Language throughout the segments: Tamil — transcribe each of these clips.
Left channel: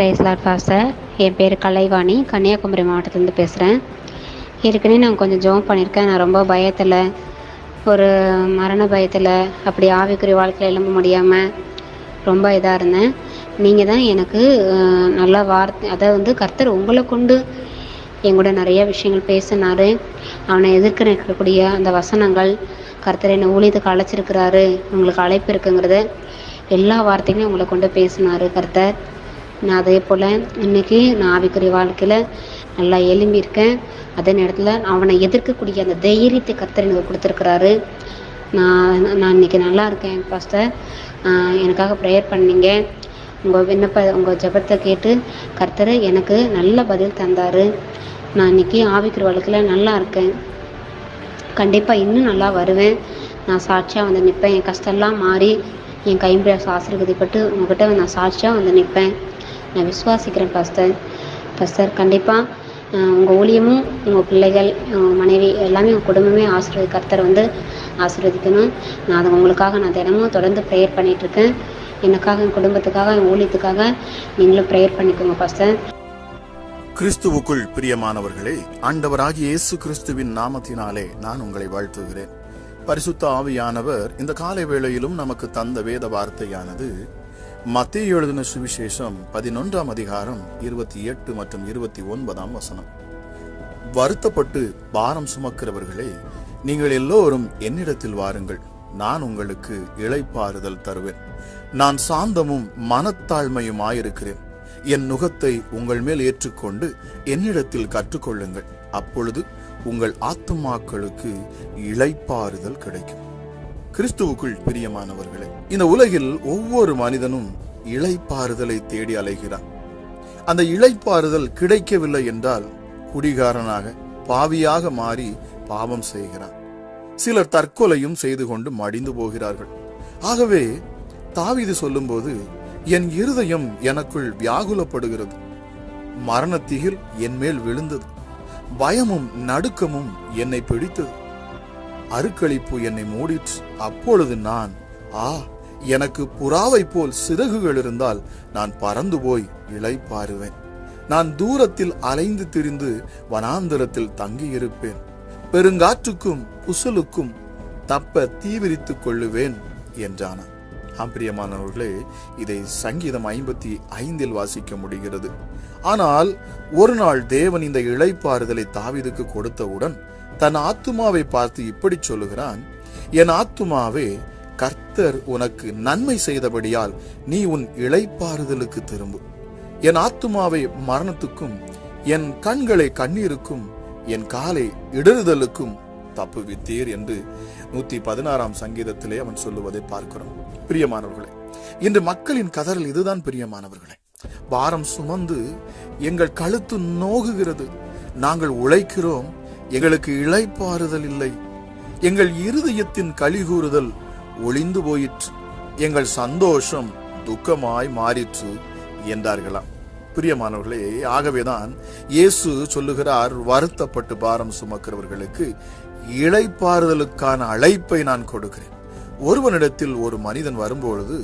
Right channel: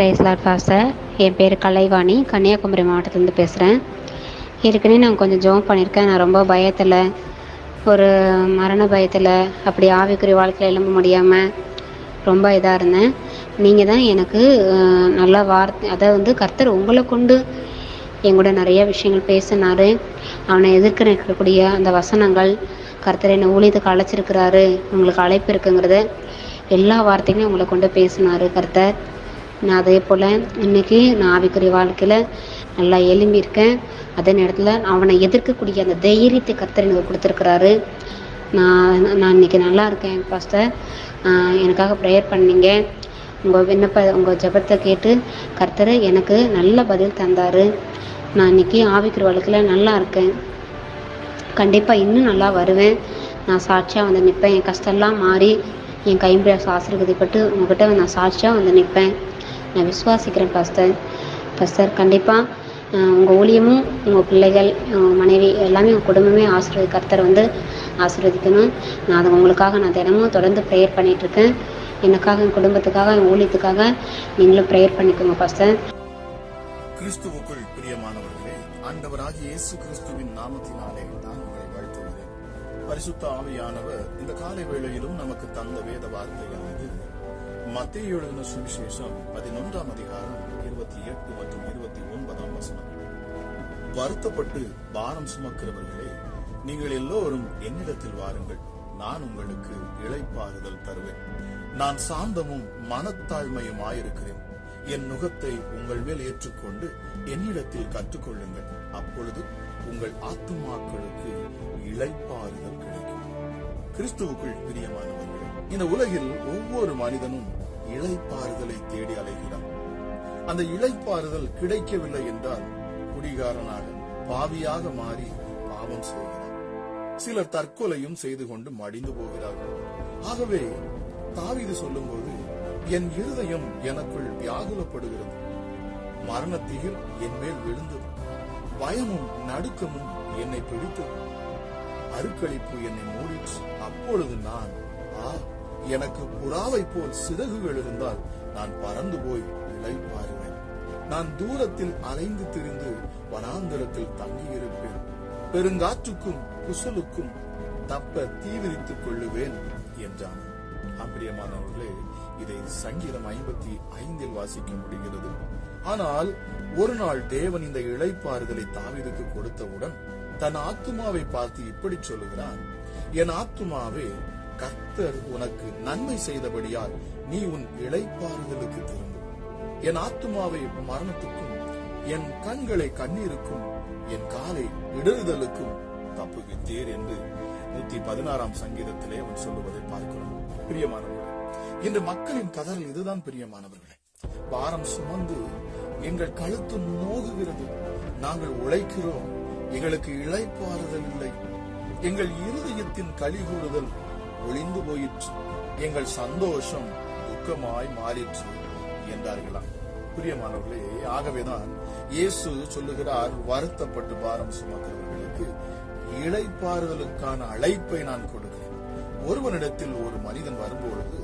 Price Lord pastor. என் பேர் கலைவாணி, கன்னியாகுமரி மாவட்டத்துலேருந்து பேசுகிறேன். ஏற்கனவே நான் கொஞ்சம் ஜெபம் பண்ணியிருக்கேன். நான் ரொம்ப பயத்தில், ஒரு மரண பயத்தில், அப்படி ஆவிக்குரிய வாழ்க்கையில் எழும்ப முடியாமல் ரொம்ப இதாக இருந்தேன். நீங்கள் தான் எனக்கு நல்ல வார்த்தை, அதை கர்த்தர் உங்களை கொண்டு எங்கூட நிறைய விஷயங்கள் பேசினார். அவனை எதிர்க்க நிற்கக்கூடிய அந்த வசனங்கள், கர்த்தர் என்னை ஊழியத்துக்கு அழைச்சிருக்கிறாரு, உங்களுக்கு அழைப்பு இருக்குங்கிறத எல்லா வார்த்தைகளையும் உங்களை கொண்டு பேசினார் கர்த்தர். நான் அதே போல் இன்றைக்கி நான் ஆவிக்குரிய வாழ்க்கையில் நல்லா எழும்பியிருக்கேன். அதே நேரத்தில் அவனை எதிர்க்கக்கூடிய அந்த தைரியத்தை கர்த்தர் எனக்கு கொடுத்துருக்குறாரு. நான் இன்றைக்கி நல்லா இருக்கேன் பாஸ்டர். எனக்காக ப்ரேயர் பண்ணீங்க. உங்கள் ஜெபத்தை கேட்டு கர்த்தர் எனக்கு நல்ல பதில் தந்தார். நான் இன்றைக்கி ஆவிக்குரிய வாழ்க்கையில் நல்லா இருக்கேன். கண்டிப்பாக இன்னும் நல்லா வருவேன். நான் சாட்சியாக வந்து நிற்பேன். என் கஷ்டம்லாம் மாறி என் கைம்பிரச ஆசீர்வதிப்பட்டு உங்கள்கிட்ட நான் சாட்சியாக வந்து நிற்பேன். நான் விசுவாசிக்கிறேன் பாஸ்டர். கண்டிப்பாக உங்கள் ஊழியமும், உங்கள் பிள்ளைகள், மனைவி எல்லாமே, உங்கள் குடும்பமே கர்த்தர் ஆசீர்வதிக்கணும். நான் அதை உங்களுக்காக நான் தினமும் தொடர்ந்து ப்ரேயர் பண்ணிகிட்ருக்கேன். எனக்காக, என் குடும்பத்துக்காக, என் ஊழியத்துக்காக நீங்களும் ப்ரேயர் பண்ணிக்கோங்க பாஸ்டர். கிறிஸ்துவுக்குள் பிரியமானவர்களே, ஆண்டவராகிய இயேசு கிறிஸ்துவின் நாமத்தினாலே நான் உங்களை வாழ்த்துகிறேன். பரிசுத்த ஆவியானவர் இந்த காலை வேளையிலும் நமக்கு தந்த வேத வார்த்தையானது மத்தேயு எழுதின சுவிசேஷம் 11ஆம் அதிகாரம் 28 மற்றும் 29ஆம் வசனம். வருத்தப்பட்டு பாரம் சுமக்கிறவர்களே, நீங்கள் எல்லோரும் என்னிடத்தில் வாருங்கள், நான் உங்களுக்கு இளைப்பாறுதல் தருவேன். நான் சாந்தமும் மனத்தாழ்மையுமாயிருக்கிறேன். என் நுகத்தை உங்கள் மேல் ஏற்றுக்கொண்டு என்னிடத்தில் கற்றுக்கொள்ளுங்கள், அப்பொழுது உங்கள் ஆத்துமாக்களுக்கு இளைப்பாறுதல் கிடைக்கும். கிறிஸ்துவுக்குள் பிரியமானவர்களே, இந்த உலகில் ஒவ்வொரு மனிதனும் இளைப்பாறுதலை தேடி அலைகிறான். அந்த இளைப்பாறுதல் கிடைக்கவில்லை என்றால் குடிகாரனாக, பாவியாக மாறி பாவம் செய்கிறான். சிலர் தற்கொலையும் செய்து கொண்டு மடிந்து போகிறார்கள். ஆகவே தாவீது சொல்லும்போது, என் இருதயம் எனக்குள் வியாகுலப்படுகிறது, மரணத்திகில் என் மேல் விழுந்தது, பயமும் நடுக்கமும் என்னை பிடித்தது, அருக்களிப்பு என்னை மூடிற்று. அப்பொழுது நான், எனக்கு புறாவை போல் சிறகுகள் இருந்தால் நான் பறந்து போய் இளைப்பாறுவேன். நான் தூரத்தில் அலைந்து திரிந்து வனாந்தரத்தில் தங்கியிருப்பேன். பெருங்காற்றுக்கும் புசலுக்கும் தப்ப தீவிரித்துக் கொள்ளுவேன் என்றான். பிரியமானவர்களே, இதை சங்கீதம் 55 வாசிக்க முடிகிறது. ஆனால் ஒரு நாள் தேவன் இந்த இளைப்பாறுதலை தாவீதுக்கு கொடுத்தவுடன் தன் ஆத்துமாவை பார்த்து இப்படி சொல்லுகிறான், என் ஆத்துமாவே, கர்த்தர் உனக்கு நன்மை செய்தபடியால் நீ உன் இளைப்பாறுதலுக்கு திரும்பு. என் ஆத்துமாவை மரணத்துக்கும், என் கண்களை கண்ணீருக்கும், என் காலை இடறுதலுக்கும் தப்புவித்தீர் என்று 116ஆம் சங்கீதத்திலே அவன் சொல்லுவதை பார்க்கிறோம். பிரியமானவர்களே, இன்று மக்களின் கதறல் இதுதான் பிரியமானவர்களே. பாரம் சுமந்து எங்கள் கழுத்து நோகுகிறது, நாங்கள் உழைக்கிறோம், எங்களுக்கு இளைப்பாறுதல் இல்லை, எங்கள் இருதயத்தின் கலிகூறுதல் ஒளிந்து போயிற்று, எங்கள் சந்தோஷம் துக்கமாய் மாறிற்று என்றார்களாம். பிரியமானவர்களே, ஆகவேதான் இயேசு சொல்லுகிறார், வருத்தப்பட்டு பாரம் சுமக்கிறவர்களுக்கு இளைப்பாறுதலுக்கான அழைப்பை நான் கொடுக்கிறேன். ஒருவனிடத்தில் ஒரு மனிதன் வரும்பொழுது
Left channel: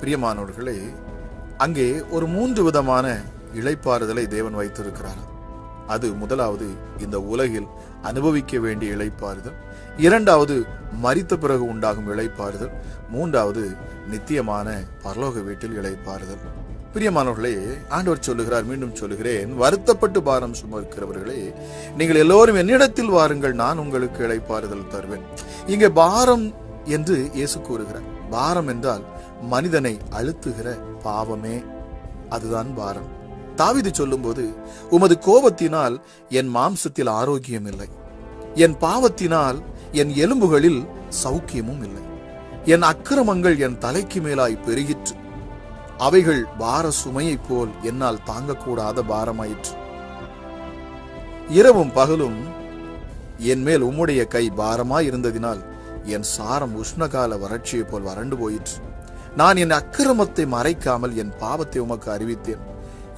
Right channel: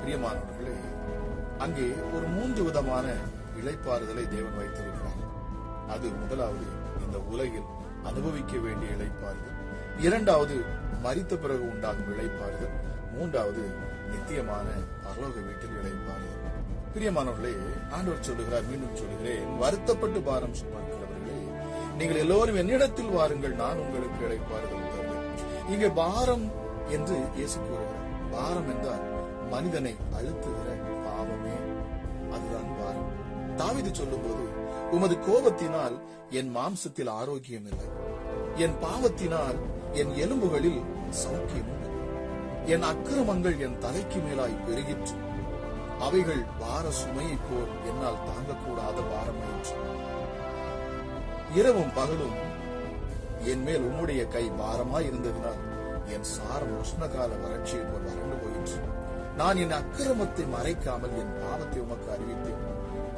பிரியமானவர்களே, அங்கே ஒரு 3 விதமான இளைப்பாறுதலை தேவன் வைத்திருக்கிறார். அது முதலாவது இந்த உலகில் அனுபவிக்க வேண்டிய இளைப்பாறுதல், இரண்டாவது மரித்த பிறகு உண்டாகும் இளைப்பாறுதல், மூன்றாவது நித்தியமான பரலோக வீட்டில் இளைப்பாறுதல். பிரியமானவர்களே, ஆண்டவர் சொல்லுகிறார், மீண்டும் சொல்லுகிறேன், வருத்தப்பட்டு பாரம் சுமக்கிறவர்களே, நீங்கள் எல்லோரும் என்னிடத்தில் வாருங்கள், நான் உங்களுக்கு இளைப்பாறுதல் தருவேன். இங்கே பாரம் என்று இயேசு கூறுகிறார். பாரம் என்றால் மனிதனை அழுத்துகிற பாவமே, அதுதான் பாரம். தாவீது சொல்லும்போது, உமது கோபத்தினால் என் மாம்சத்தில் ஆரோக்கியம் இல்லை, என் பாவத்தினால் என் எலும்புகளில் சௌக்கியமும் இல்லை, என் அக்கிரமங்கள் என் தலைக்கு மேலாய் பெருகிற்று, அவைகள் பார சுமையை போல் என்னால் தாங்கக்கூடாத பாரமாயிற்று. இரவும் பகலும் என் மேல் உம்முடைய கை பாரமாய் இருந்ததினால் என் சாரம் உஷ்ணகால வறட்சியை போல் வறண்டு போயிற்று. நான் என் அக்கிரமத்தை மறைக்காமல் என் பாவத்தை உமக்கு அறிவித்தேன்,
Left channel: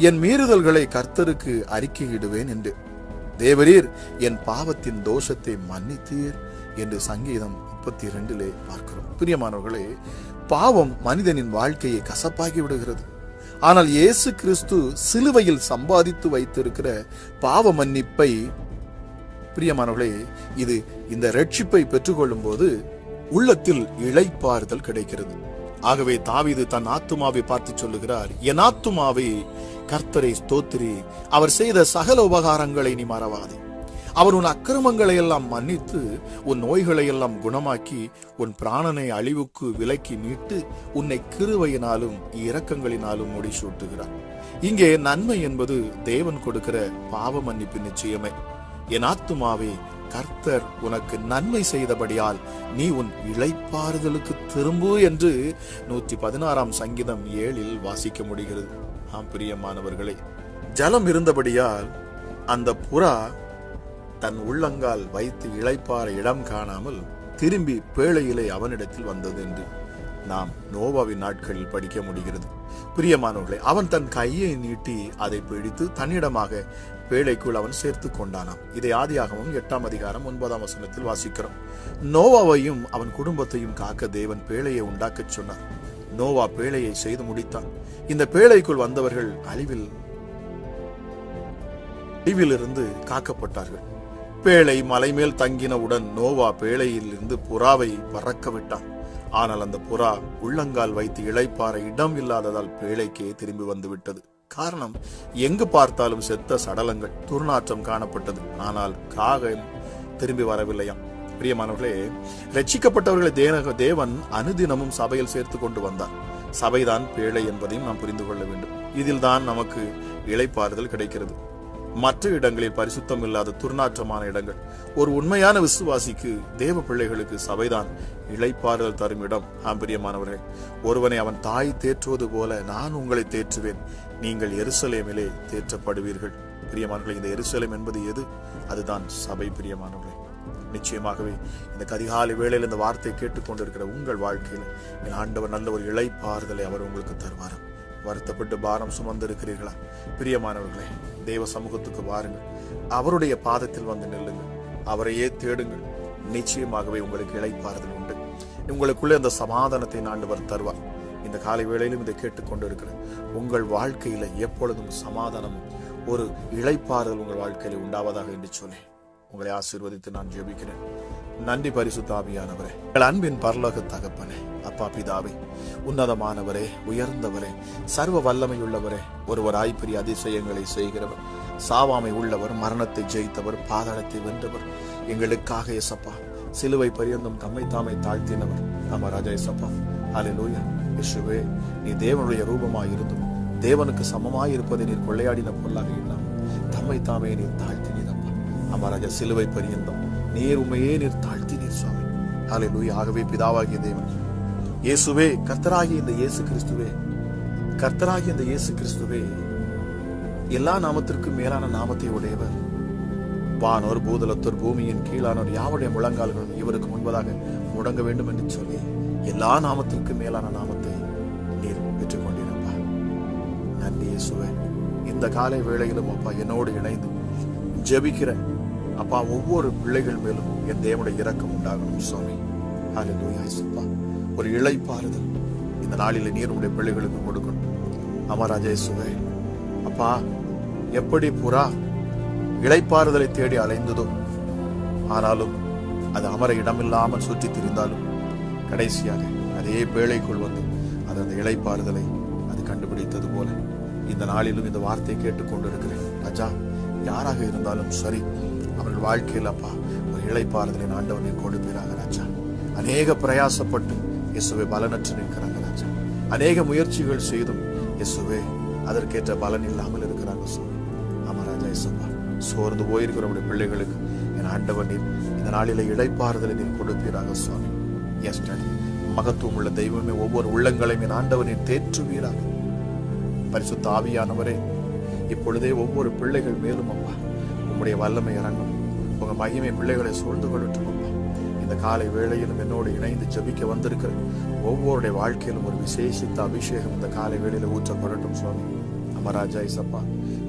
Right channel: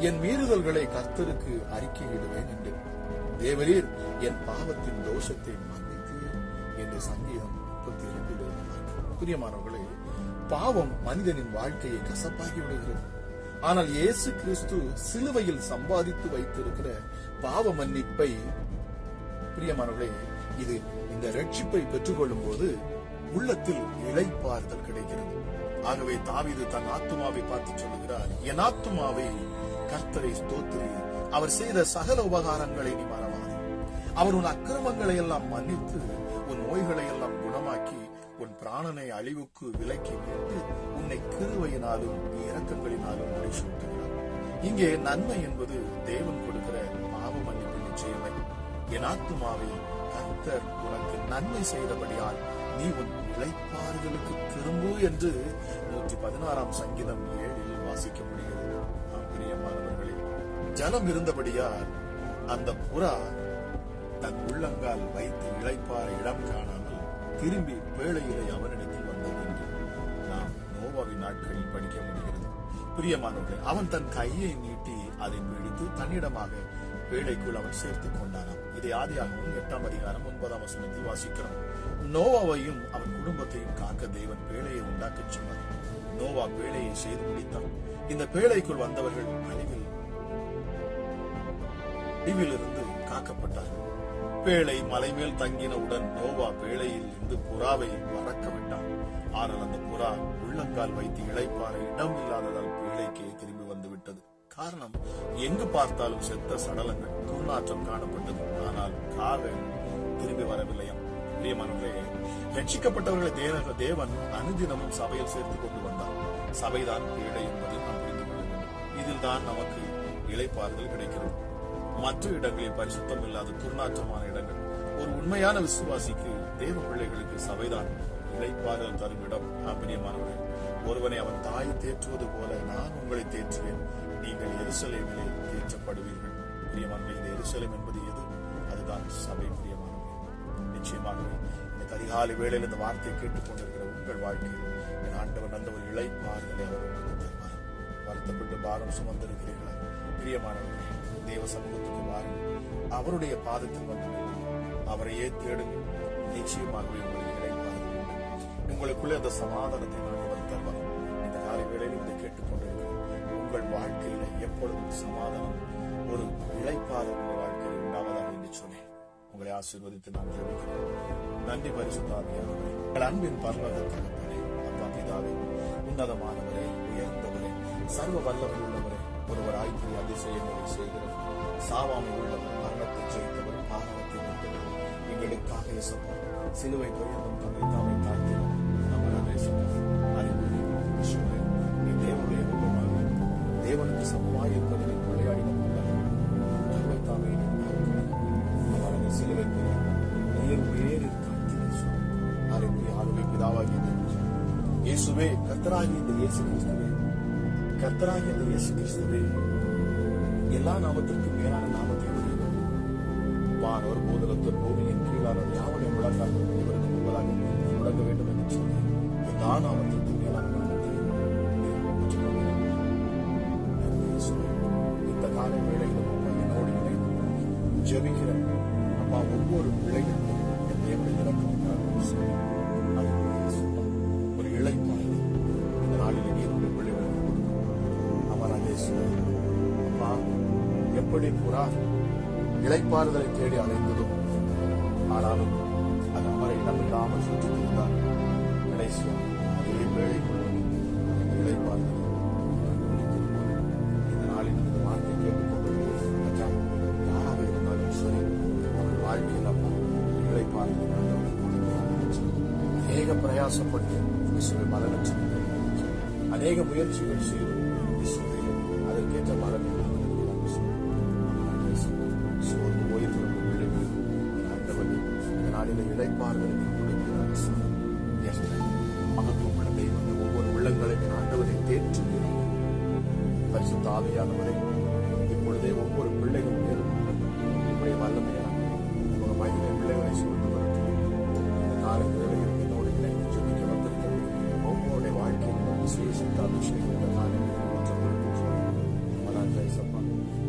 என் மீறுதல்களை கர்த்தருக்கு அறிக்கையிடுவேன் என்று. தேவரீர் என் பாவத்தின் தோஷத்தை மன்னித்தீர் என்று சங்கீதம் 32 பார்க்கிறோம். பிரியமானவர்களே, பாவம் மனிதனின் வாழ்க்கையை கசப்பாகி விடுகிறது. ஆனால் இயேசு கிறிஸ்து சிலுவையில் சம்பாதித்து வைத்திருக்கிற பாவ மன்னிப்பை, பிரியமானவர்களே, இது இந்த ரட்சிப்பை பெற்றுக்கொள்ளும் போது உள்ளத்தில் இளைப்பாறுதல் கிடைக்கிறது. ஆகவே தாவீது தன் ஆத்துமாவை பார்த்து சொல்லுகிறார், என் ஆத்துமாவை கர்த்தரை ஸ்தோத்திரி, அவர் செய்த சகல உபகாரங்களை நீ மறவாதே. அவர் உன் அக்கிரமங்களை எல்லாம் மன்னித்து உன் நோய்களை எல்லாம் குணமாக்கி உன் பிராணனை அழிவுக்கு விலக்கி மீட்டு உன்னை கிருபையினாலும் இரக்கங்களினாலும் முடிசூட்டுகிறார். இங்கே நன்மை என்பது தேவன் கொடுக்கிற பாவ மன்னிப்பு நிச்சயமே. என் ஆத்துமாவே கர்த்தர் உனக்கு நன்மை செய்தபடியால் நீ உன் இளைப்பாறுதலுக்கு திரும்பு என்று 116 சங்கீதம் 7 வாசிக்க முடிகிறது. பிரியமானவர்களே, ஜலம் இருந்தபடியால் அந்த புறா தன் உள்ளங்கால் வைத்து இளைப்பாற இடம் காணாமல் திரும்பி பேழையிலே அவனிடத்தில் வந்தது என்று நாம் நோவாவின் நாட்களில் படிக்க முடிகிறது. பிரியமானவர்களே, அவன் தன் கையை நீட்டி அதை பிடித்து தன்னிடமாக பேழைக்குள் அவன் சேர்த்து கொண்டானாம். இதை ஆதியாகமம் 8 அதிகாரம் 9 வாசிக்கிறோம். நோவாவையும் அவன் குடும்பத்தையும் காக்க தேவன் பேழையை உண்டாக்கச் சொன்னார். நோவா பேழையை செய்து முடித்தான். இந்த பேழைக்குள் வந்தவர்கள் அழிவிலிருந்து காக்கப்பட்டார்கள். பேழை மலை மேல் தங்கினவுடன் நோவா பேழையில் இருந்து புறாவை பறக்க விட்டான். ஆனால் அந்த புறா உள்ளங்கால் வைத்து இளைப்பாற இடம் இல்லாததால் பேழைக்கே திரும்பி வந்து விட்டது. காரணம், எங்கு பார்த்தாலும் செத்த சடலங்கள், துர்நாற்றம் காணப்பட்டது. ஆனால் காகம் திரும்பி வரவில்லையாம். பிரியமானவர்களே, ரட்சிக்கப்பட்டவர்களை தேவன் அனுதினமும் சபையில் சேர்த்து கொண்டு வந்தார். சபைதான் பேழை என்பதையும் நாம் புரிந்து கொள்ள வேண்டும். இதில் தான் நமக்கு இளைப்பாறுதல் கிடைக்கிறது. மற்ற இடங்களில் பரிசுத்தம் இல்லாத துர்நாற்றமான இடங்கள். ஒரு உண்மையான விசுவாசிக்கு, தேவ பிள்ளைகளுக்கு சபைதான் இளைப்பாறுதல் தரும் இடம். பிரியமானவர்கள், ஒருவனை அவன் தாய் தேற்றுவது போல நான் உங்களை தேற்றுவேன், நீங்கள் எருசலேமிலே தேற்றப்படுவீர்கள். பிரியமானவர்களே, இந்த எருசலேம் என்பது எது? அதுதான் சபை. பிரியமானவர்களே, நிச்சயமாகவே இந்த அதிகாலை வேளையில் இந்த வார்த்தை கேட்டுக்கொண்டிருக்கிற உங்கள் வாழ்க்கையில் என் ஆண்டவர் நல்ல ஒரு இளைப்பாறுதலை அவர் உங்களுக்கு தருவார். வருத்தப்பட்டு பாரம் சுமந்திருக்கிறீர்களா? பிரியமானவர்களே, தேவ சமூகத்துக்கு வாருங்கள், அவருடைய பாதத்தில் வந்து நில்லுங்கள், அவரையே தேடுங்கள். நிச்சயமாகவே உங்களுக்கு இளைப்பாறுதல் உண்டு. உங்களுக்குள்ளே அந்த சமாதானத்தை ஆண்டவர் தருவார். இந்த காலை வேளையிலும் இதை கேட்டுக்கொண்டிருக்கிற உங்கள் வாழ்க்கையில எப்பொழுதும் சமாதானம், ஒரு இளைப்பாறுதல் உங்கள் வாழ்க்கையில் உண்டாவதாக என்று சொல்லி உங்களை ஆசீர்வதித்து நான் ஜெபிக்கிறேன். நன்றி பரிசுத்த ஆவியானவரே, எங்கள் அன்பின் பரலோக தகப்பனே, அப்பா பிதாவே, உன்னதமானவரே, உயர்ந்தவரே, சர்வ வல்லமை உள்ளவரே, ஒருவராய் பெரிய அதிசயங்களை செய்கிறவர், சாவாமை உள்ளவர், மரணத்தை ஜெயித்தவர், பாதாளத்தை வென்றவர், எங்களுக்காக இயேசப்பா சிலுவை பரியந்தம் தம்மை தாமே தாழ்த்தினவர் நம்ம ராஜா இயேசப்பா. அல்லேலூயா. இயேசுவே, நீ தேவனுடைய ரூபமாய் இருந்தும் தேவனுக்கு சமமாய் இருப்பதை நீர் கொள்ளையாடின பொருளாக இல்லாமல் தம்மை தாமே நீர் தாழ்த்தினப்பா. நம்ம ராஜா சிலுவை பரியந்தம் நீர் உண்மையே நீர் தாழ்த்தினீர் சுவாமி. அல்லேலூயா. ஆகவே பிதாவாகிய தேவன் இயேசுவே, கர்த்தராகிய இந்த இயேசு கிறிஸ்துவே, கர்த்தராகிய இந்த இயேசு கிறிஸ்துவே எல்லா நாமத்திற்கும் மேலான நாமத்தை உடையவர். வானோர் பூதலத்தோர் பூமியின் கீழானோர் யாவுடைய முழங்கால்களும் இவருக்கு முன்பதாக முடங்க வேண்டும் என்று சொல்லி எல்லா நாமத்திற்கும் மேலான நாமத்தை நீர் பெற்றுக்கொண்டிருப்பா. நன்றி இயேசுவே. இந்த காலை வேளையிலும் அப்பா என்னோடு இணைந்து ஜெபிக்கிற அப்பா ஒவ்வொரு பிள்ளைகள் மேலும் என் தேவனுடைய இரக்கம் உண்டாகும் சுவாமி. அல்லேலூயா இயேசுப்பா. ஒரு இளைப்பாறுதல் இந்த நாளில் நீர் உடைய பிள்ளைகளுக்கு கொடுக்கணும். அமராஜா இயேசுவே, அப்பா எப்படி புறா இளைப்பாறுதலை தேடி அலைந்ததோ, ஆனாலும் அது அமர இடமில்லாமல் சுற்றி திரிந்தாலும் கடைசியாக அதே வேளைக்குள் வந்து அது அந்த இளைப்பாறுதலை அது கண்டுபிடித்தது போல இந்த நாளிலும் இந்த வார்த்தையை கேட்டுக்கொண்டிருக்கிறேன் ராஜா. யாராக இருந்தாலும் சரி, அவர்கள் வாழ்க்கையில் அப்பா ஒரு இளைப்பாறுதலின் ஆண்டவனை கொடுக்கிறாங்க ராஜா. அநேக பிரயாசப்பட்டு இயேசுவை பலனற்று நிற்கிறாங்க ராஜா. அநேக முயற்சிகள் செய்தும் இயேசுவே அதற்கேற்ற பலன் இல்லாமல் இருக்கிறாங்க சுவாமி. ராஜா இயேசுவா, சோர்ந்து போயிருக்கிறவருடைய பிள்ளைகளுக்கு என் ஆண்டவனே இந்த நாளில இளைப்பாறுதலை நீர் கொடுப்பீராக சுவாமி. எஸ் மகத்துவம் உள்ள தெய்வமே, ஒவ்வொரு உள்ளங்களையும் என் ஆண்டவனை தேற்றுவீராக. பரிசுத்த ஆவியானவரே, இப்பொழுதே ஒவ்வொரு பிள்ளைகள் மேலும் அப்பா உங்களுடைய வல்லமை இறங்கும், உங்க மகிமை பிள்ளைகளை சூழ்ந்து கொள்ளட்டும். இந்த காலை வேளையிலும் என்னோடு இணைந்து ஜெபிக்க வந்திருக்கிற ஒவ்வொருடைய வாழ்க்கையிலும் ஒரு விசேஷித்த அபிஷேகம் இந்த காலை வேளையில ஊற்றப்படட்டும் சுவாமி. அமராஜா இசப்பா,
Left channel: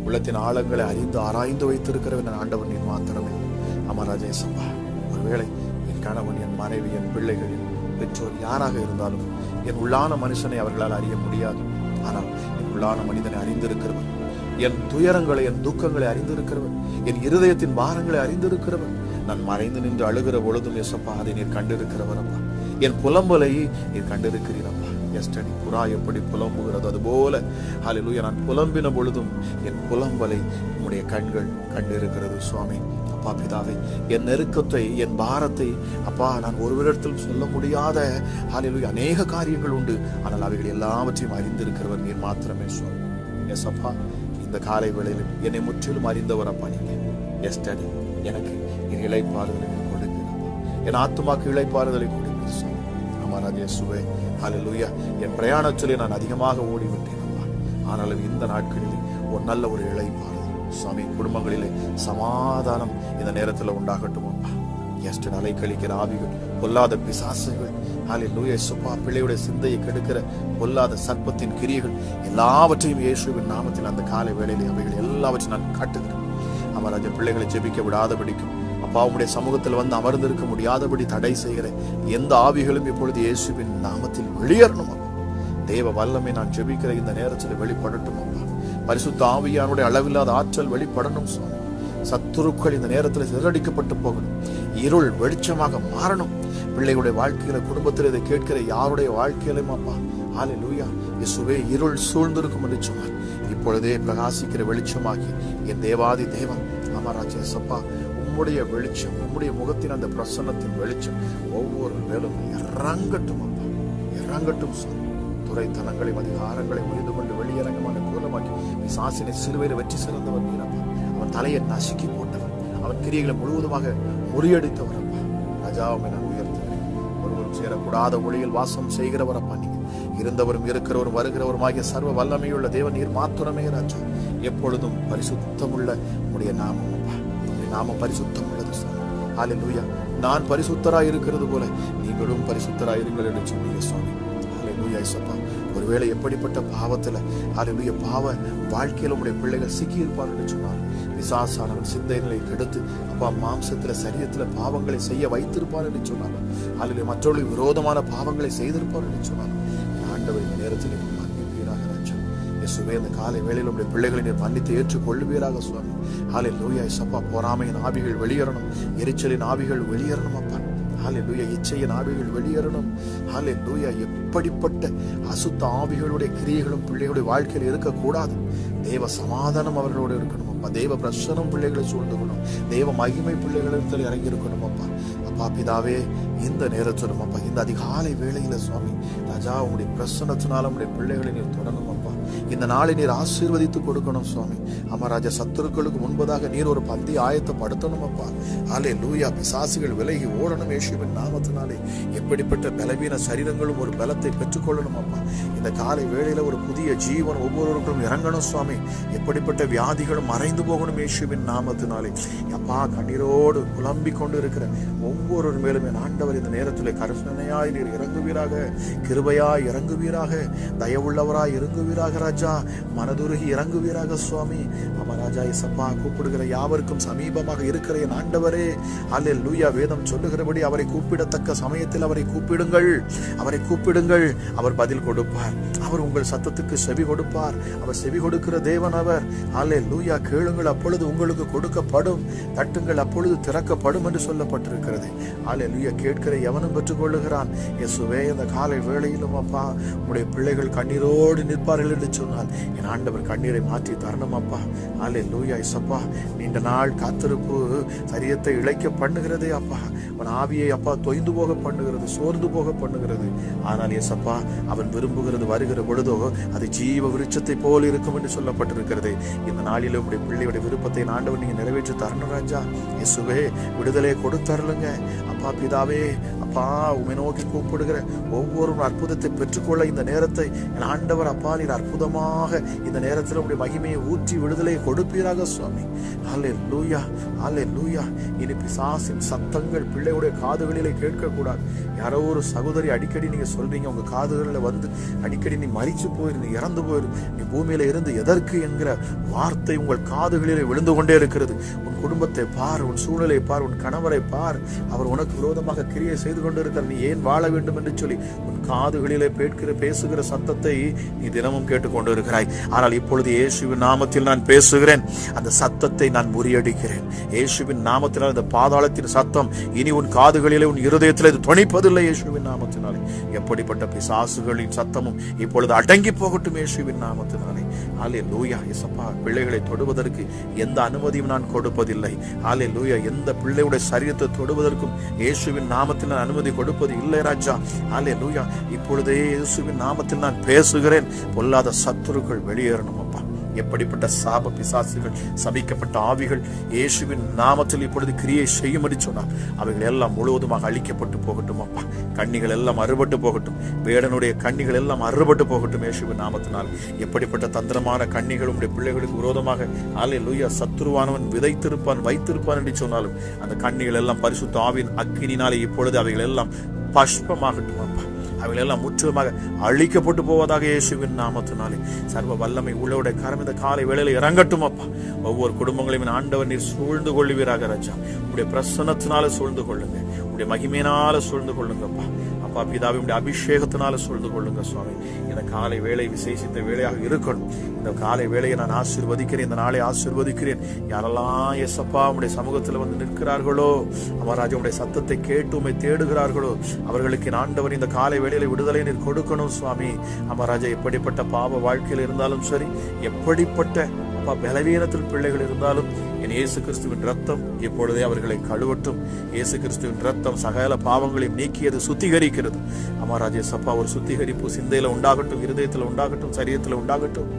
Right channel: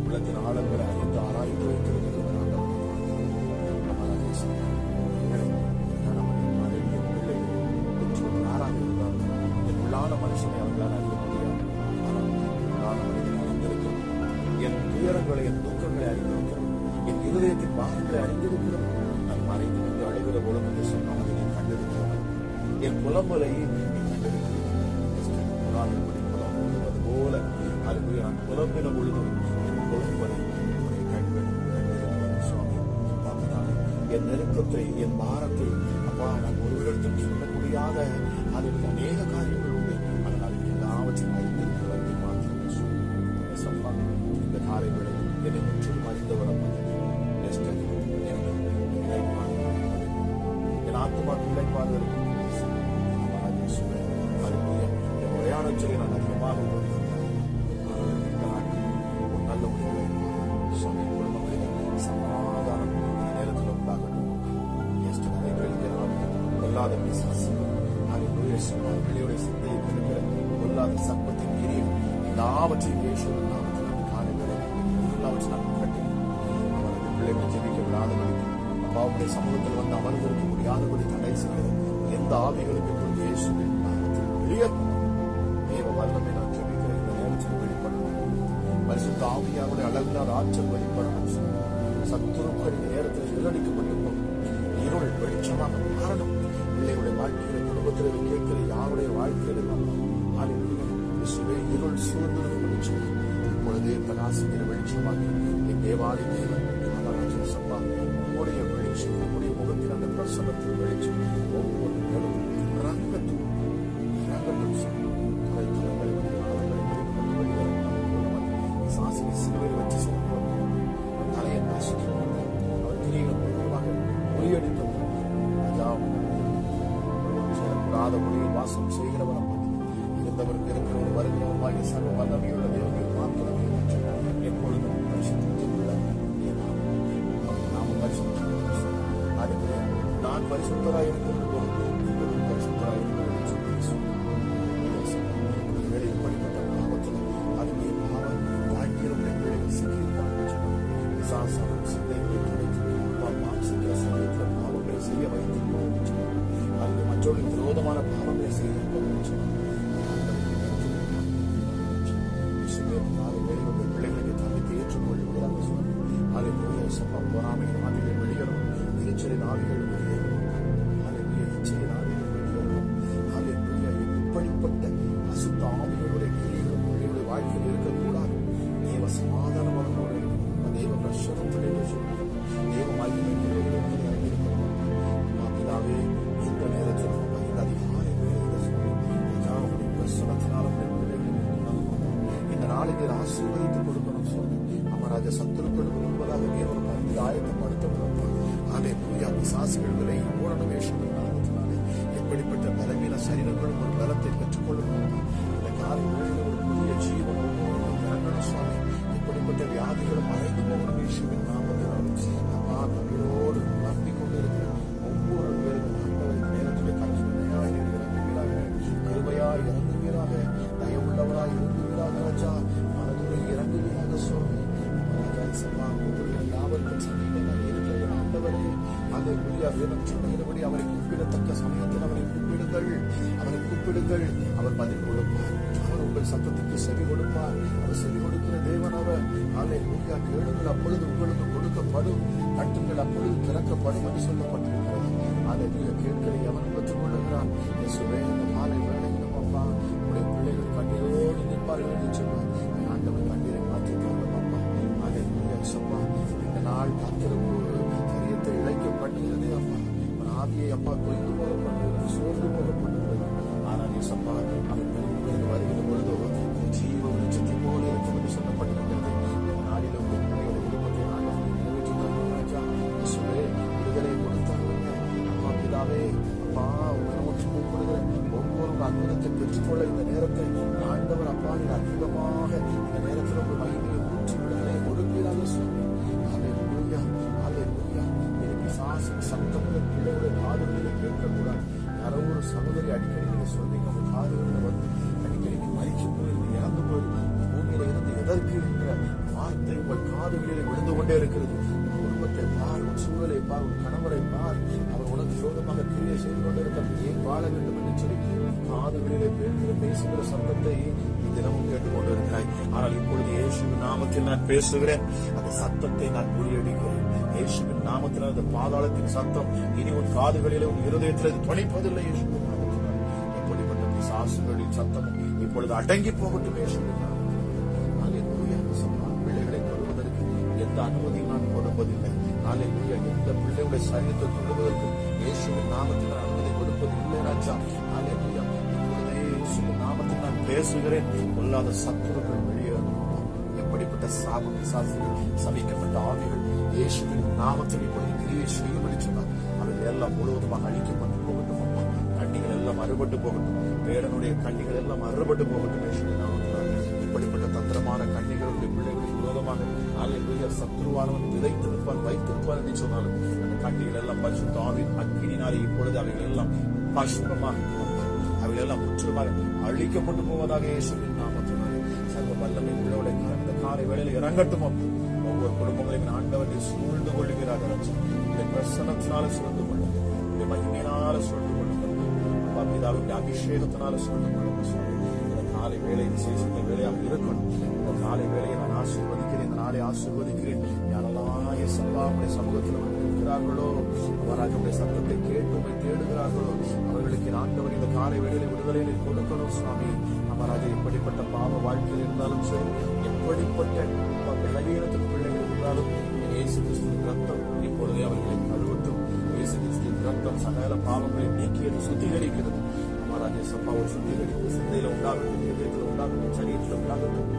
உள்ளத்தின் ஆழங்களை அறிந்து ஆராய்ந்து வைத்திருக்கிறவன் ஆண்டவன் நீர் மாத்திரமே. அமராஜா இசப்பா, ஒருவேளை என் கணவன், என் மனைவி, என் பிள்ளைகள், பெற்றோர் யாராக இருந்தாலும் என் உள்ளான மனுஷனை அவர்களால் அறிய முடியாது. ஆனால் உள்ளான மனிதனை அறிந்திருக்கிறவன், என் துயரங்களை, என் துக்கங்களை அறிந்திருக்கிறவன், என் இருதயத்தின் பாரங்களை அறிந்திருக்கிறவன். நான் மறைந்து நின்று அழுகிற பொழுதும் ஏசப்பா அதை நீர் கண்டிருக்கிறவர் அப்பா. என் புலம்பலை நீர் கண்டிருக்கிறீர் அப்பா. எஸ்டடி புறா எப்படி புலம்புகிறது அதுபோல ஹல்லேலூயா நான் புலம்பின பொழுதும் என் புலம்பலை உம்முடைய கண்கள் கண்டிருக்கிறது சுவாமி. அப்பா பிதாவே, என் நெருக்கத்தை, என் பாரத்தை அப்பா நான் ஒருவரிடத்தில் சொல்ல முடியாத ஹல்லேலூயா அநேக காரியங்கள் உண்டு. ஆனால் அவைகள் எல்லாவற்றையும் அறிந்திருக்கிறவர் நீர் மாத்திரமே சுவாமி. எஸ் அப்பா, இந்த காலை வேளையில் என்னை முற்றிலும் அறிந்தவர் அப்பா நீங்க. எஸ்டடி எனக்கு என் இளைப்பாறுதலை கொடுப்பீங்க, என் ஆத்துமாக்கு இளைப்பாறுதலை கொடுப்பீங்க. இயேசுவே ஹல்லேலூயா. என் பிரயாணத்திலே நான் அதிகமாக ஓடிவிட்டேன், ஆனாலும் இந்த நாட்களில் ஒரு நல்ல ஒரு இளைப்பாறுதல் சுவாமி குடும்பங்களிலே சமாதானம் இந்த நேரத்தில் உண்டாகட்டும். எஸ்டர் அலை கழிக்கிற ஆவிகள், பொல்லாத பிசாசுகள் ஹல்லேலூயா இயேசுப்பா பிள்ளையுடைய சிந்தையை கெடுக்கிற பொல்லாத சர்ப்பத்தின் கிரியைகள் எல்லாவற்றையும் இயேசுவின் நாமத்தில் அந்த காலை வேளையிலே அவைகள் எல்லாவற்றையும் நான் காட்டுகிறேன். அவர் அந்த பிள்ளைகளை ஜெபிக்க விடாதபடிக்கும் அப்பாவுடைய சமூகத்தில் வந்து அமர்ந்திருக்க முடியாதபடி தடை செய்கிற எந்த ஆவிகளும் இப்பொழுது இயேசுவின் நாமத்தில் வெளியேறணும். தேவ வல்லமை நான் ஜெபிக்கிற இந்த நேரத்தில் வெளிப்படட்டும். பரிசுத்த ஆவியானுடைய அளவில்லாத ஆற்றல் வெளிப்படணும். சத்துருக்கள் இந்த நேரத்தில் சிதறடிக்கப்பட்டு போகணும். இருள் வெளிச்சமாக மாறணும். பிள்ளைகளுடைய வாழ்க்கையில, குடும்பத்தில் இதை கேட்கிற யாருடைய வாழ்க்கையிலும் அப்பா ஹல்லேலூயா இயேசுவே இருள் சூழ்ந்திருக்கும் என்று சொன்னார். இப்பொழுதே பிரகாசிக்கிற வெளிச்சமாகி என் தேவாதி தேவன் அமராஜா சப்பா உம்முடைய வெளிச்சம், உம்முடைய முகத்தின் அந்த பிரசன்னத்தின் வெளிச்சம் ஒவ்வொரு மேலும் இறங்கட்டும், இறங்கட்டும். துறைத்தனங்களையும் அதிகாரங்களை புரிந்து கொண்டு வெளியரங்கமான மூலமாக்கி சாசினை சிலுவையில் வெற்றி சிறந்தவர் வீரன். அவன் தலையை நசுக்கி போட்டவர், அவன் கிரியைகளை முழுவதுமாக முறியடித்தவர். ராஜாவை நான் உயர்த்துகிறேன். ஒருவரும் சேரக்கூடாத ஒளியில் வாசம் செய்கிறவர் அப்பா நீங்க. இருந்தவரும் இருக்கிறவரும் வருகிறவருமாகிய சர்வ வல்லமையுள்ள தேவன் நீர் மாத்திரமே ராஜா. எப்பொழுதும் பரிசுத்தமுள்ள உடைய நாம பரிசுத்தம் உள்ளது. ஹல்லேலூயா. நான் பரிசுத்தராய் இருக்கிறது போல நீங்களும் பரிசுத்தராய் இருங்கள் என்று சொன்னீங்க சுவாமி. ஹல்லேலூயா இயேசுப்பா. ஒருவேளை எப்படிப்பட்ட பாவத்துல ஹல்லேலூயா பாவ வாழ்க்கையில உடைய பிள்ளைகள் சிக்கி இருப்பார் என்று சொன்னார். பிசாசானவன் சிந்தைகளை கெடுத்து அப்பா மாம்சத்துல சரீரத்துல பாவங்களை செய்ய வைத்திருப்பார் என்று சொன்னார். ஹல்லேலூயா. மற்றவர்களுக்கு விரோதமான பாவங்களை செய்திருப்பார் என்று சொன்னார். ஆண்டவர் நேரத்தில் இந்த காலை வேளையில் உடைய பிள்ளைகளை நீர் மன்னித்து ஏற்றுக்கொள்ளுவீராக சுவாமி. ஹல்லேலூயா இயேசுப்பா. பொறாமையின் ஆவிகள் வெளியேறணும், எரிச்சலின் ஆவிகள் வெளியேறணும் அப்பா. ஹல்லேலூயா. இச்சையின் ஆவிகள் வெளியேறணும். ஹல்லேலூயா. எப்படிப்பட்ட அசுத்த ஆவிகளுடைய கிரியைகளும் பிள்ளைகளுடைய வாழ்க்கையில் இருக்கக்கூடாது. தேவ சமாதானம் அவர்களோடு இருக்கணும் அப்பா. தேவ பிரசனம் பிள்ளைகளை சூழ்ந்துக்கணும். தேவ மகிமை பிள்ளைகளிடத்தில் இறங்கி இருக்கணும் அப்பா. அப்பா பிதாவே, இந்த நேரத்திலும் அப்பா இந்த அதிகாலை வேளையில சுவாமி ராஜா உங்களுடைய பிரசன்னத்தினால உங்களுடைய பிள்ளைகளை நீர் தொடரும் அப்பா. இந்த நாளை நீர் ஆசீர்வதித்து கொடுக்கணும் சுவாமி. அமராஜா சத்துருக்களுக்கு முன்பதாக நீர் ஒரு பந்தி ஆயத்தப்படுத்தணும் அப்பா. ஹல்லேலூயா. பிசாசுகள் விலகி ஓடணும் இயேசுவின் நாமத்தினாலே. எப்படிப்பட்ட பலவீன சரீரங்களும் ஒரு பலத்தை பெற்றுக்கொள்ளணும் அப்பா. இந்த காலை வேளையில ஒரு புதிய ஜீவன் ஒவ்வொருவருக்கும் இறங்கணும் சுவாமி. எப்படிப்பட்ட வியாதிகளும் மறைந்து போகணும் இயேசுவின் நாமத்தினாலே. அப்பா கண்ணீரோடு புலம்பிக் கொண்டு இருக்கிற ஒவ்வொரு மேலும் என் ஆண்டவர் இந்த நேரத்தில் கருணையாய் நீர் இறங்குவீராக, கிருபையாய் இறங்குவீராக, தயவுள்ளவராய் இறங்குவீராக ராஜா. மனதுருகி இறங்குவீராக சுவாமி. ராஜா இயேசுப்பா கூப்பிடுகிற யாவருக்கும் சமீபமாக இருக்கிற என் ஆண்டவரே ஹல்லேலூயா. வேதம் சொல்லுகிறபடி அவரை கூப்பிடத்தக்க சமயத்தில் அவரை கூப்பிடுங்கள், அவரை கூப்பிடுங்கள், அவர் பதில் கொடுப்பார். அவர் உங்கள் சத்தத்துக்கு செவி கொடுப்பார். அவர் செவி கொடுக்கிற தேவன் அவர். ஹல்லேலூயா. கேளுங்கள் அப்பொழுது உங்களுக்கு கொடுக்கப்படும், தட்டுங்கள் அப்பொழுது திறக்கப்படும் என்று சொல்லப்பட்டிருக்கிறது. ஹல்லேலூயா. கேட்கிற எவனும் பெற்றுக் கொள்ளுகிறான். இயேசுவே இந்த காலை வேளையிலும் அப்பா உங்களுடைய பிள்ளைகள் கண்ணீரோடு நிற்பார்கள் என்று சொன்னால் என் ஆண்டவர் கண்ணீரை மாற்றி தரணும் அப்பா. ஹல்லேலூயா இயேசுப்பா. நீண்ட நாள் காத்திருப்பு சரீரத்தை இழைக்க பண்ணுகிறதே அப்பா. அவன் ஆவியை அப்பா தொய்ந்து போக பண்ணுகிறது, சோர்ந்து போக பண்ணுகிறது. ஆனால் இயேசுப்பா அவன் விரும்புகிறது வருகிற பொழுதோ அது ஜீவ விருட்சத்தை போல் இருக்கும் என்று சொல்லப்பட்டிருக்கிறது. இந்த நாளிலும் உடைய பிள்ளையுடைய விருப்பத்தை ஆண்டவர் நீங்க நிறைவேற்றி தரணும் ராஜா. இயேசுவே விடுதலை கொடுத்தரலுங்க அப்பா பிதாவே. அப்பா உமை நோக்கி கூப்பிடுகிற ஒவ்வொரு அற்புதத்தை பெற்றுக்கொள்ள இந்த நேரத்தை ஆண்டவர் அப்பா நீர் அற்புதமாக இந்த நேரத்தில் உடைய மகிமையை ஊற்றி விடுதலை கொடுப்பீராக சுவாமி. ஹல்லேலூயா. ஹல்லேலூயா. இனி பிசாசின் சத்தங்கள் பிள்ளையுடைய காதுகளிலே கேட்கக்கூடாது. யாரோ ஒரு சகோதரி அடிக்கடி நீங்க சொல்றீங்க, உங்க காதுகளில் வந்து அடிக்கடி நீ மரிச்சு போயிரு, நீ இறந்து போயிரு, நீ பூமியில இருந்து எதற்கு என்கிற வார்த்தை உங்கள் காதுகளிலே விழுந்து கொண்டே இருக்கிறது. உன் குடும்பத்தை பார், உன் சூழ்நிலையை பார், உன் கணவரை பார், அவர் உனக்கு விரோதமாக கிரியை செய்து கொண்டு இருக்கிறார், நீ ஏன் வாழ வேண்டும் என்று சொல்லி உன் காதுகளிலே பேசுகிற சத்தத்தை நீ தினமும் கேட்டுக்கொண்டு இருக்கிறாய். ஆனால் இப்பொழுது இயேசுவின் நாமத்தில் நான் பேசுகிறேன், அந்த சத்தத்தை நான் முறியடிக்கிறேன். இயேசுவின் நாமத்தினால் அந்த பாதாளத்தின் சத்தம் இனி உன் காதுகளிலே, உன் இருதயத்திலே இது துணிப்பதில்லை. இயேசுவின் நாமத்தினாலே எப்படிப்பட்ட பிசாசுகளின் சத்தமும் இப்பொழுது அடங்கி போகட்டும் இயேசுவின் நாமத்தினாலே. அல்லேலூயா. இயேசப்பா, பிள்ளைகளை தொடுவதற்கு எந்த அனுமதியும் நான் கொடுப்பதில்லை. அல்லேலூயா. எந்த பிள்ளையுடைய சரீரத்தை தொடுவதற்கும் இயேசுவின் நாமத்தில் நான் அனுமதி கொடுப்பது இல்லை ராஜா. அல்லேலூயா. இப்பொழுதே இயேசுவின் நாமத்தில் நான் பேசுகிறேன், பொல்லாத சத்துருக்கள் வெளியேறணும் அப்பா. எப்படிப்பட்ட சாப பிசாசுகள், சபிக்கப்பட்ட ஆவிகள் இயேசுவின் நாமத்தில் இப்பொழுது கிரியை செய்யும்படி சொன்னார், அவைகள் எல்லாம் முழுவதுமாக அழிக்கப்பட்டு போகட்டும் அப்பா. கண்ணிகள் எல்லாம் அறுபட்டு போகட்டும், வேடனுடைய கண்ணிகள் எல்லாம் அறுபட்டு போகட்டும் இயேசுவின் நாமத்தினால். எப்படிப்பட்ட தந்திரமான கண்ணிகள் உடைய பிள்ளைகளுக்கு விரோதமாக அல்லேலூயா சத்துருவானவன் விதைத்திருப்பான், வைத்திருப்பான் என்று சொன்னாலும் அந்த கண்ணிகள் எல்லாம் பரிசுத்த ஆவியின் அக்கினினாலே இப்பொழுது அவைகள் எல்லாம் பஷ்பமாகட்டும் அப்பா. அவைகள் எல்லாம் முற்றிலுமாக அழிக்கப்பட்டு போவதாக இயேசுவின் நாமத்தினாலே. சர்வ வல்லமை உள்ளவருடைய கரம் இந்த காலை வேளையில இறங்கட்டும் அப்பா. ஒவ்வொரு குடும்பங்களையும் ஆண்டவர் நீர் சூழ்ந்து கொள்ளுவீராக ராஜா. உடைய பிரசன்னத்தினால சூழ்ந்து கொள்ளுங்க, உடைய மகிமையினால சூழ்ந்து கொள்ளுங்க அப்பா. அப்பா பிதாவே, உடைய அபிஷேகத்தினால சூழ்ந்து கொள்ளுங்க சுவாமி. இந்த காலை வேளை விசேஷித்த வேளையாக இருக்கணும். இந்த காலை வேளையை நான் ஆசீர்வதிக்கிறேன், இந்த நாளை ஆசீர்வதிக்கிறேன். யாரெல்லாம் இயேசப்பா உடைய சமூகத்தில் வந்து நிற்கிறார்களோ, அவராஜா உடைய சத்தத்தை கேட்டு உம்மை தேடுகிறார்களோ, அவர்களுக்கு ஆண்டவர் இந்த காலை வேளையில விடுதலை நீர் கொடுக்கணும் சுவாமி. அவராஜா எப்படிப்பட்ட பாவ வாழ்க்கையில் இருந்தாலும் சரி, எப்படிப்பட்ட பலவீனத்தில் பிள்ளைகள் இருந்தாலும் என் இயேசு கிறிஸ்துவின் ரத்தம் இப்பொழுதே அவர்களை கழுவட்டும். இயேசு கிறிஸ்துவின் ரத்தம் சகல பாவங்களையும் நீக்கியது, சுத்திகரிக்கிறது. அமராஜே சப்பா, ஒரு சுத்திகரிப்பு சிந்தையில உண்டாகட்டும், இருதயத்தில் உண்டாகட்டும், சரீரத்தில் உண்டாகட்டும்,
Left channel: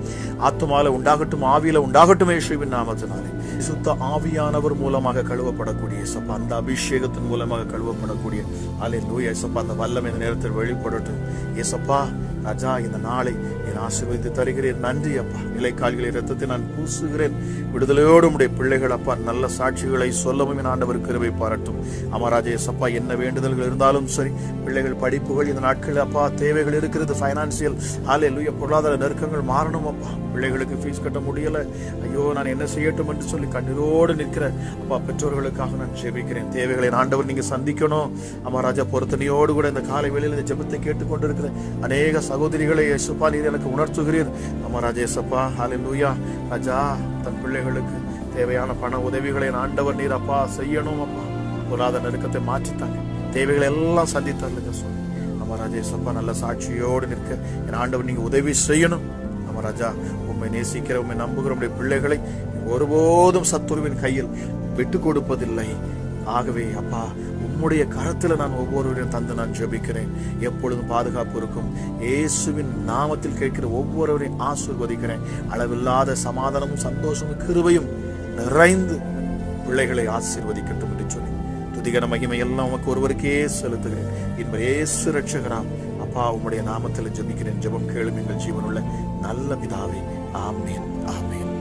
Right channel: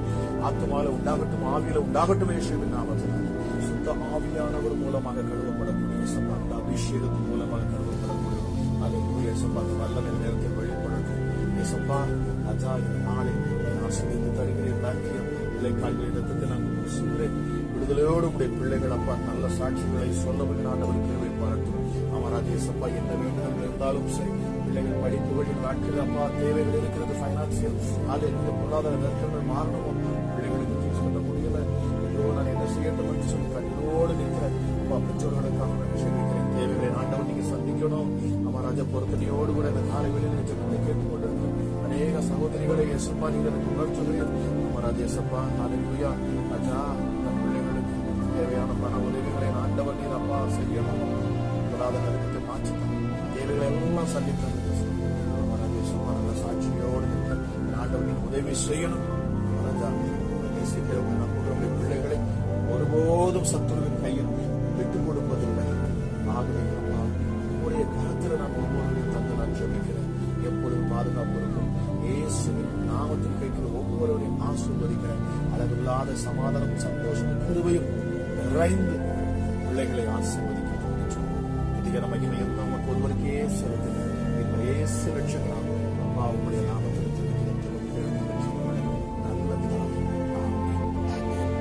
ஆத்மால உண்டாகட்டும், ஆவியில உண்டாகட்டும். இயேசுவின் நாமத்தினாலே சுத்த ஆவியானவர் மூலமாக கழுவப்படக்கூடிய சப்பா, அந்த அபிஷேகத்தின் மூலமாக கழுவப்படக்கூடிய அல்லேலூயா சப்பா, அந்த வல்லமை இந்த நேரத்தில் வெளிப்படட்டும். ஏசப்பா ராஜா, இந்த நாளை என் ஆசீர்வதித்து தருகிறேன். நன்றி அப்பா. நிலைக்கால்களை ரத்தத்தை நான் பூசுகிறேன். விடுதலையோடு உடைய பிள்ளைகள் அப்பா நல்ல சாட்சிகளை சொல்லவும் என் ஆண்டவர் கிருபை பாராட்டும். அமராஜே சப்பா, என்ன வேண்டுதல்கள் இருந்தாலும் சரி, பிள்ளைகள் படிப்புகள் இந்த நாட்களில் அப்பா தேவைகள் இருக்கிறது, பைனான்சியல் அல்லேலூயா பொருளாதார நெருக்கங்கள் மாறணும் அப்பா. பிள்ளைகளுக்கு ஃபீஸ் கட்ட முடியல, ஐயோ நான் என்ன செய்யட்டும் என்று சொல்லி கண்ணீரோடு நிற்கிற அப்பா பெற்றோர்களுக்காக நான் ஜெபிக்கிறேன். தேவைகளை ஆண்டவர் நீங்க சந்திக்கணும். அமராஜா, பொருத்தனையோடு கூட இந்த காலை வேளையில் இந்த ஜெபத்தை கேட்டுக்கொண்டிருக்கிற அநேக சகோதரிகளை இயேசுப்பா நீர் எனக்கு உணர்த்துகிறீர். அமராஜே சப்பா அல்லேலூயா ராஜா, தன் பிள்ளைகளுக்கு தேவையான பண உதவிகளை ஆண்டவர் நீர் அப்பா செய்யணும் அப்பா. பொருளாதார நெருக்கத்தை மாற்றித்தாங்க, தேவைகளை எல்லாம் சந்தித்தவர்களுக்கு சொல்லணும். அமராஜே சப்பா, நல்ல சாட்சியோடு நிற்க என் ஆண்டவர் நீங்க உதவி செய்யணும். அமராஜா, உண்மை நேசிக்கிற, உண்மை நம்புகிற உடைய பிள்ளைகளை ஒருபோதும் சத்துருவின் கையில் விட்டு கொடுப்பதில்லை. ஆகவே அப்பா, உம்முடைய கரத்தில் நான் ஒவ்வொருவரையும் தந்து நான் ஜெபிக்கிறேன். எப்பொழுதும் பாதுகாப்பு இருக்கும். இயேசுவின் நாமத்தில் கேட்கிற ஒவ்வொருவரையும் ஆசீர்வதிக்கிறேன். அளவில்லாத சமாதானமும் சந்தோஷமும் கிருபையும் நிறைந்து பிள்ளைகளை ஆசீர்வதிக்கட்டும் என்று சொல்லி துதிகர மகிமை எல்லாம் உமக்கு ஒருவருக்கே செலுத்துகிறேன். இப்ப இயேசு ரட்சகராம் அப்பா, உம்முடைய நாமத்தில் ஜெபிக்கிறேன். ஜெபம் கேளுங்க எங்கள் ஜீவனுள்ள நல்ல பிதாவே. ஆமென், ஆமென்.